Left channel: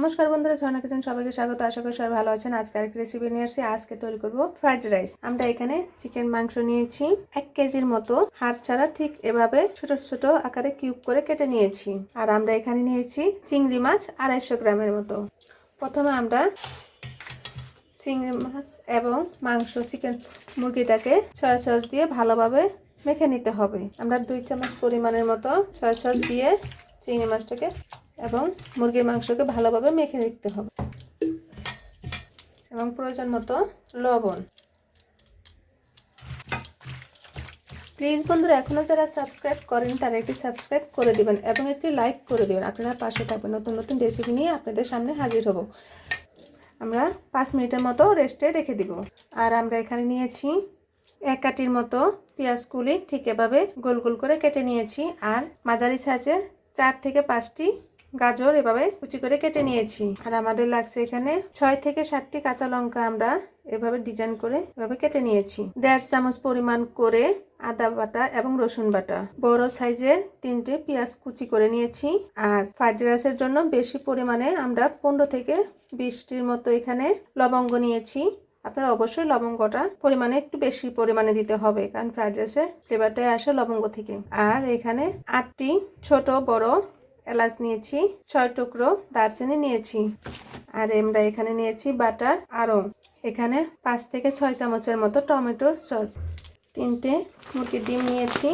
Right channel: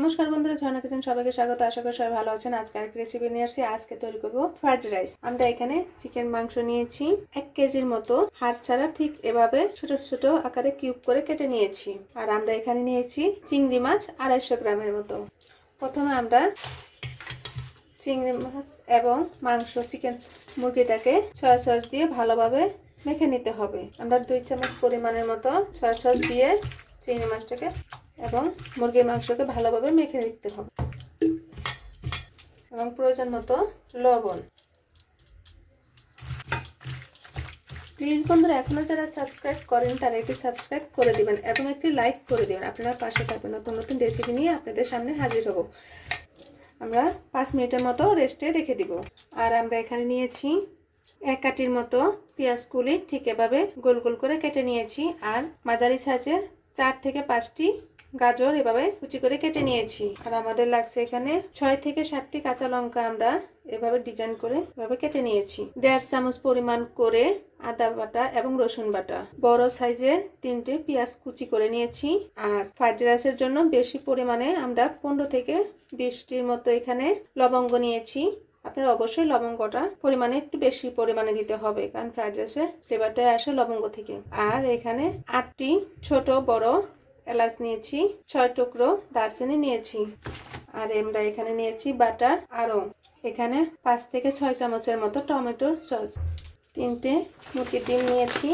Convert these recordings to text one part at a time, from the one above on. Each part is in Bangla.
নমস্কার বন্ধুরা, ঝর্ণা কিচেন সবাইকে স্বাগত। আশা করি সবাই ভালো আছেন। আজকে আরেকটা রেসিপি নিয়ে আসছি। আজকে তৈরি করব ফ্রাইড রাইস। আমরা এখানে চিকেন মাংস নিয়েছি 1 কেজির মতো, হাড় ছাড়া ঠিক এভাবে ছোট ছোট আকারে কিউব করে কেটে নিয়েছি। আর আমরা এখানে নিয়েছি চিংড়ি মাছ 250 গ্রামের মতো। প্রথমে আমরা চিংড়ি মাছ এবং মাংস চিকেন মুরগিটাকে সয়া সস দিয়ে ভালোভাবে মেখে নিতে হবে। আমরা 2 চামচ পরিমাণের মতো সয়া সস দিয়ে চিংড়ি মাছটাকে এবং মুরগির মাংসকে ভালোভাবে মেখে নিতে হবে এবং প্রয়োজন মতো লবণ। প্লিজ বন্ধুরা, এখনো যারা সাবস্ক্রাইব করেন তারা একটি সাবস্ক্রাইব করে দিবেন এবং একটি লাইক করে দিবেন। আপনারা পাশে থাকবেন, নতুন নতুন রেসিপি নিয়ে আপনাদের সামনে হাজির হব। আমরা 5 মিনিটের মতো রেস্টে রেখে দিব। আর আমরা এখানে নিয়েছি 1 কাঠির মতো পেঁয়াজ কুলি, ঠিক এভাবে গোল গোল করে কেটে নিয়েছি। আর মাঝারি সাইজের 4 থেকে 5টি গাজর এভাবে কুচি করে কেটে নিয়েছি। আর আমাদের লাগছে এখানে 6 থেকে 7টি কাঁচা লঙ্কা, আমরা এভাবে ডিজাইন করে এভাবে কেটে নিয়েছি। 1.5 চামচ পরিমাণ করে আদা বাটা এবং রসুন বাটা। বড় সাইজের 3টে পেঁয়াজ কুচি করে নিয়েছি। আর ফ্রাইড রাইসের জন্য বেশি পরিমাণে আমরা 15 থেকে 20টির মতো এখানে লবঙ্গ নিয়েছি। আপনারা অবশ্যই লবঙ্গটা পরিমাণে একটু বেশি পরিমাণে দিতে হবে, কারণ ফ্রাইড রাইসের ফ্লেভারটাই আসে লবঙ্গ থেকে। আর এখানে 8টি ছোট বড় এলাচ নিয়েছি, 6 টুকরো দারচিনি নিয়েছি। আর আমরা এখানে নিয়েছি বাটার। আরও এখানে 5 থেকে 6 চামচের মতো টমেটোর সস। 3টে মুরগির ডিম নিয়েছি।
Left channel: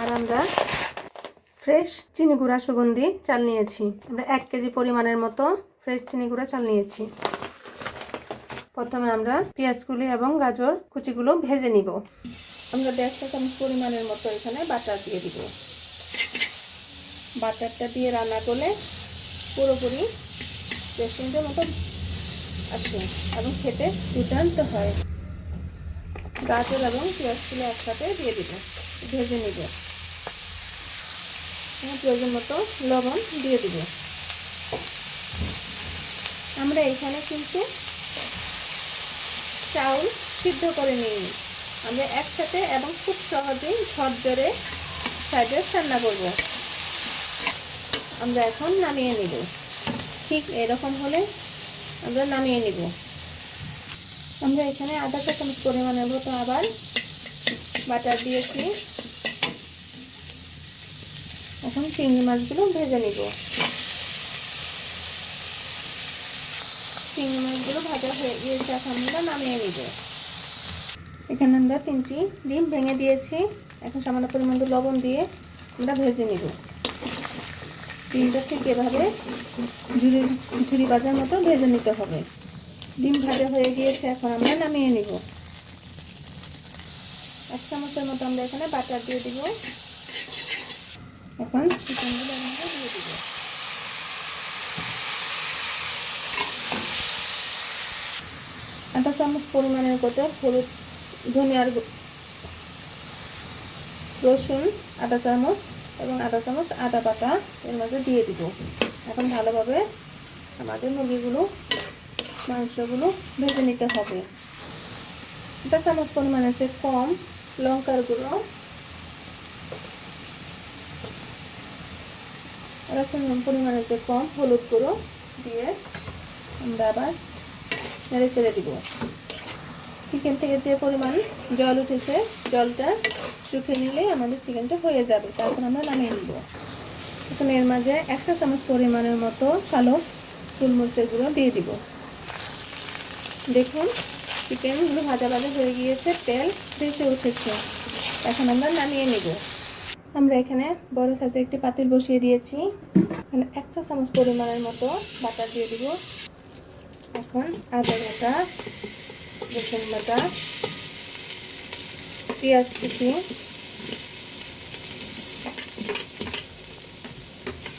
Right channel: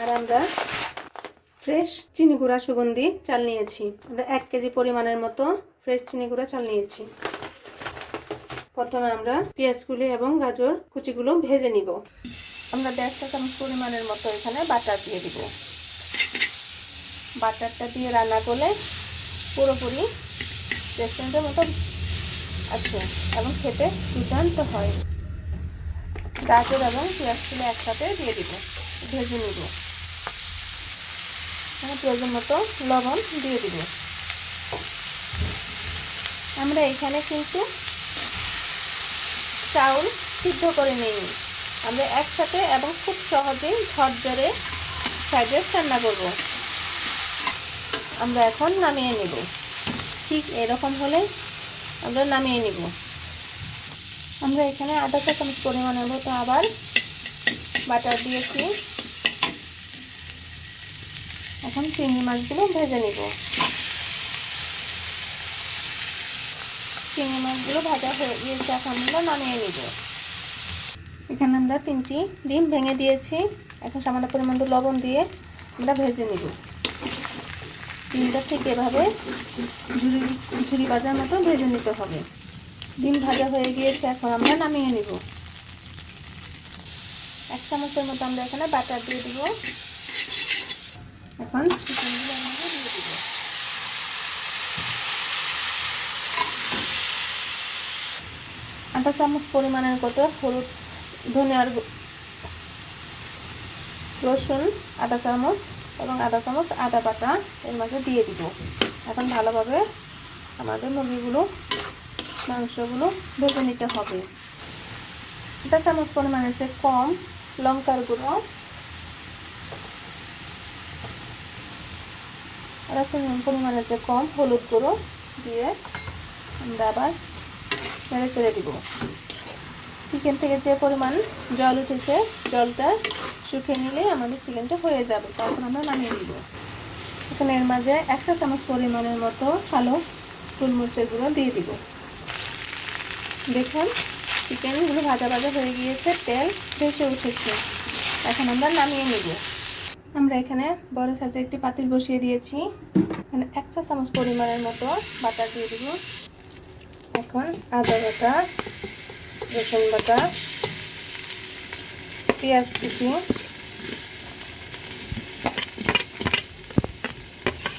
আর আমরা ফ্রেশ চিনি গুঁড়া সুগন্ধি চাল নিয়েছি। আমরা 1 কেজি পরিমাণের মতো ফ্রেশ চিনি গুঁড়া চাল নিয়েছি। প্রথমে আমরা পেঁয়াজগুলি এবং গাজর কুচিগুলো ভেজে নিব। আমরা 1.5 চামচ পরিমাণের মতো এখানে বাটার দিয়ে দিব। বাটারটা দিয়ে রান্না করলে পুরোপুরি রেস্টুরেন্টের মতো আসে এবং খেতে দুর্দান্ত হয়। গাজর এবং পেঁয়াজগুলো একসাথে দিয়ে দিব, ভেজে নিব। প্রয়োজন মতো লবণ দিয়ে দিব। আমরা এখানে কিন্তু চাউল সিদ্ধ করে নিই, আমরা একসাথে এবং খুব সহজেই ঝরঝরে ফ্রাইড রাইস রান্না করব। আমরা এখন নামিয়ে নেব। ঠিক এরকম হলে আমরা নামিয়ে নেব। আমরা এখানে 1/2 চামচ পরিমাণের মতো আবার বাটার দিয়েছি। এখন চিংড়ি মাছগুলো ভেজে নেব। চিংড়ি মাছগুলো ভাজা হয়ে গিয়েছে, এখন আমরা নামিয়ে নেব। এখানে আমরা 3টি ডিম ভেঙে দিয়েছি। এখন সামান্য পরিমাণ লবণ দিয়ে আমরা ভেজে নেব। ডিমটা ঠিক এভাবে ঝুরি ভাজার মতো ভেজে নিতে হবে। ডিম ভাজা হয়ে গিয়েছে, এখন আমরা নামিয়ে নেব। 1 চামচের মতো আমরা এখানে বাটার দিয়ে দিব। এখন চিকেনগুলো আমরা দিয়ে দিব। আধা চামচ পরিমাণের মতো হলুদ, ধনিয়ার রসুন আধা চামচ এবং আধা চামচ আদা বাটা এর মাঝে দিয়ে দিব। এখন ভালোভাবে আমাদের মুরগিগুলো মাংসগুলো ভেজে নিতে হবে। 1 চামচ পরিমাণের চেয়ে কম লঙ্কার গুঁড়ো, 1 চামচ পরিমাণের চেয়ে কম হলুদ গুঁড়ো দিয়ে আমরা আবার নেড়ে চেড়ে দিব। চিকেন থেকে যে পরিমাণ জল উঠেছে, জলটা শুকিয়ে নিলে আমাদের চিকেনটা হয়ে যাবে। তারপর আমরা নামিয়ে নিব। এখন এর মাঝে 1 চামচ পরিমাণের মতো কালো গোলমরিচের গুঁড়ো দিয়ে দিব। দেখুন চিকেনগুলো ভাজা ভাজা হয়ে গিয়েছে, তেল ভেসে উঠেছে। এখন আমরা নামিয়ে নেব। আমরা এখানে বড় সাইজের একটি পাতিল বসিয়ে দিয়েছি। এখানে 1 চা চামচ পরিমাণের মতো বাটার দিয়ে দিব। এখন আদা বাটা, রসুন বাটা, পেঁয়াজ কুচি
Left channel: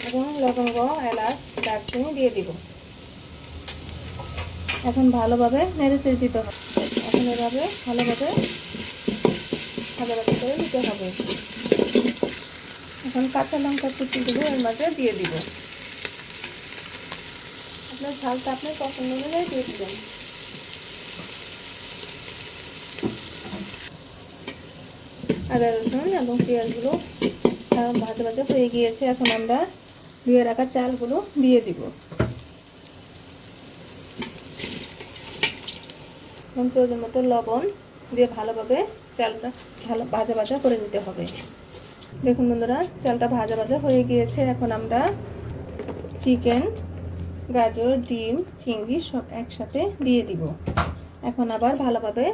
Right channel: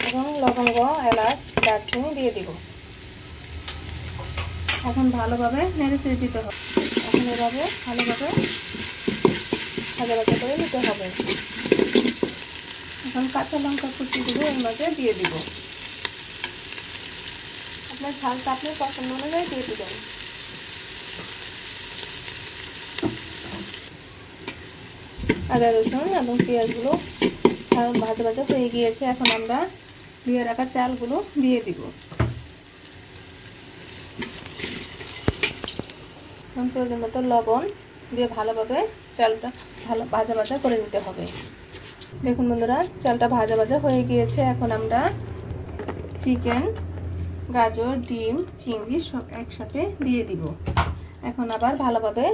এবং লবঙ্গ, এলাচ, দারচিনি দিয়ে দিব। এখন ভালোভাবে নেড়ে চেড়ে দিতে হবে। এখন এভাবে ভালোভাবে ভাজা ভাজা করে দিতে হবে। এখন কাঁচা লঙ্কা কুচিগুলো এর মাঝে দিয়ে দিব। আপনার ঝালটা আপনি পছন্দ অনুযায়ী দিয়ে দিবেন। আদা রসুন এবং পেঁয়াজগুলো ভাজা ভাজা হয়ে গিয়েছে। এখন আমরা ধুয়ে রাখা চালগুলো দিয়ে দিব। এখন প্রয়োজন মতো লবণ দিয়ে ভালোভাবে চালটা ভাজা ভাজা করে নিতে হবে। দেখুন বন্ধুরা, চালটা ভাজা ভাজা হয়ে গিয়েছে। এখন আমরা চিকেন, গাজর, ডিম, চিংড়ি সব একসাথে দিয়ে দিব। এখন আবার ভালোভাবে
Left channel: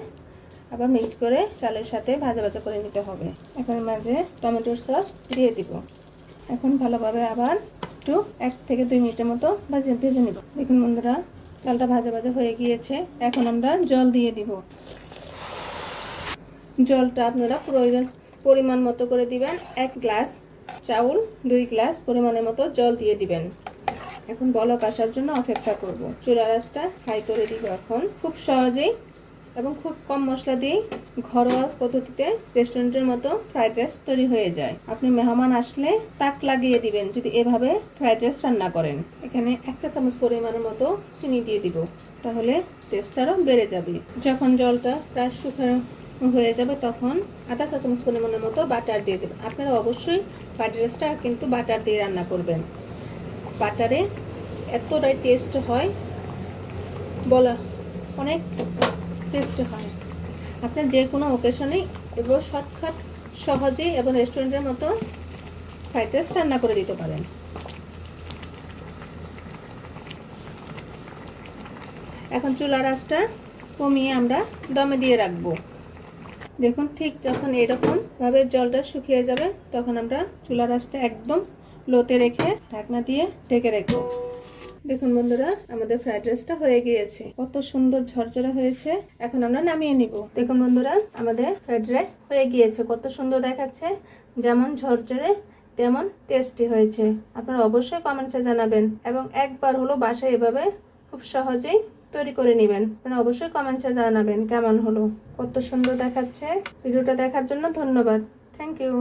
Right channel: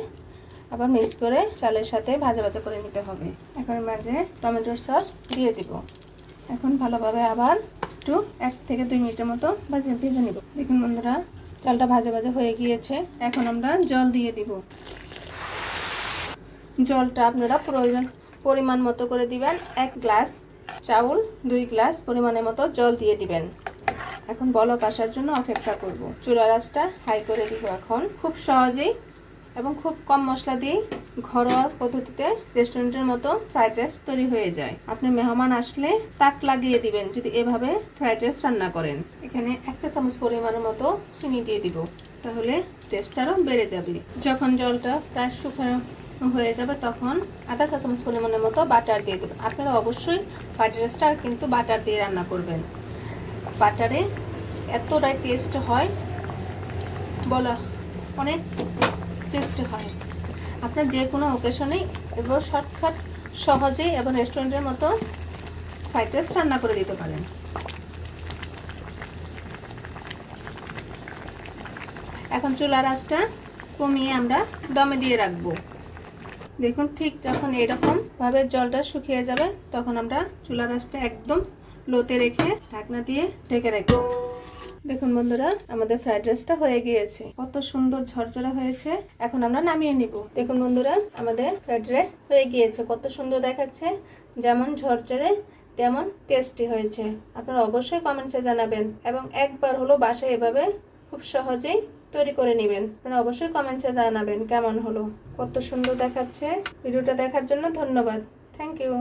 মিক্স করে চালের সাথে ভাজা ভাজা করে নিতে হবে। এখন মাঝে টমেটোর সস দিয়ে দিব। এখন ভালোভাবে আবার একটু 1 থেকে 2 মিনিটের মতো ভেজে নিব। দেখুন বন্ধুরা, চালটা ভাজা ভাজা হয়ে গিয়েছে। এখন আমরা জল দিয়ে দিব। জলটা আপনারা পরিমাণ মতো করে দিবেন। 1 গ্লাস চাউল 2 গ্লাস পরিমাণের মতো জল দিয়ে দিবেন। এখন বলক আসার জন্য অপেক্ষা করব। চুলার আঁচটা হাই করে দিব। এখন খুব সহজেই এবং খুব কম মশলা দিয়ে ঘরোয়া পদ্ধতিতে রেস্টুরেন্টের মতো ফ্রাইড রাইস তৈরি হয়ে যায়। আপনি মেহমান আসলে তাক লাগিয়ে দিবেন যদি এভাবে ফ্রাইড রাইস রান্না করেন। এখানে 1 চা চামচ পরিমাণের মতো চিনি দিয়ে দিব, তাহলে টেস্ট আরও বেড়ে যাবে। যখন জলটা প্রায় শুকানো হয়ে যাবে তখন 1/2 চা চামচ পরিমাণের মতো বাটার দিয়ে দেবেন। আপনারা অবশ্যই ফ্রাইড রাইসটা কিন্তু বাটার দিয়ে রান্না করবেন। বাটারে এতটাই টেস্ট হয়, বলা অনেক টেস্ট হয়। আপনার যে কোনো অকেশনে এবং শর্টকাট সহজেই এবং রেস্টুরেন্টের মতো ফ্রাইড রাইস রান্না করে দিতে পারেন। এখন চুলার আঁচটা কমিয়ে আমরা দমে দিয়ে রাখবো। দেখুন, ঠিক যখন এরকম ভাবে জলটা শুকিয়ে যাবে তখন আমরা চুলার আঁচটা একদম লোতে রেখে ঢাকনা দিয়ে ঢেকে রাখবো। দেখুন বন্ধুরা, আমাদের ফ্রাইড রাইসটা হয়ে গিয়েছে। কত সুন্দর ঝরঝরে হয়েছে। এখন আমরা নামিয়ে নিব। দেখুন বন্ধুরা, আমাদের ফ্রাইড রাইস হয়ে গিয়েছে। কত সুন্দর দেখাচ্ছে, যেমন ঝরঝরে তেমন টেস্টি হয়েছে। আপনারা অবশ্যই কমেন্টে জানাবেন এবং একবার হলো বাসায় এভাবে খুব সহজেই তৈরি করে নেবেন। আপনারা অবশ্যই কমেন্টে জানাবেন কেমন হলো। কত সুন্দর দেখাচ্ছে। ভিডিওটা দেখার জন্য ধন্যবাদ। Thank you.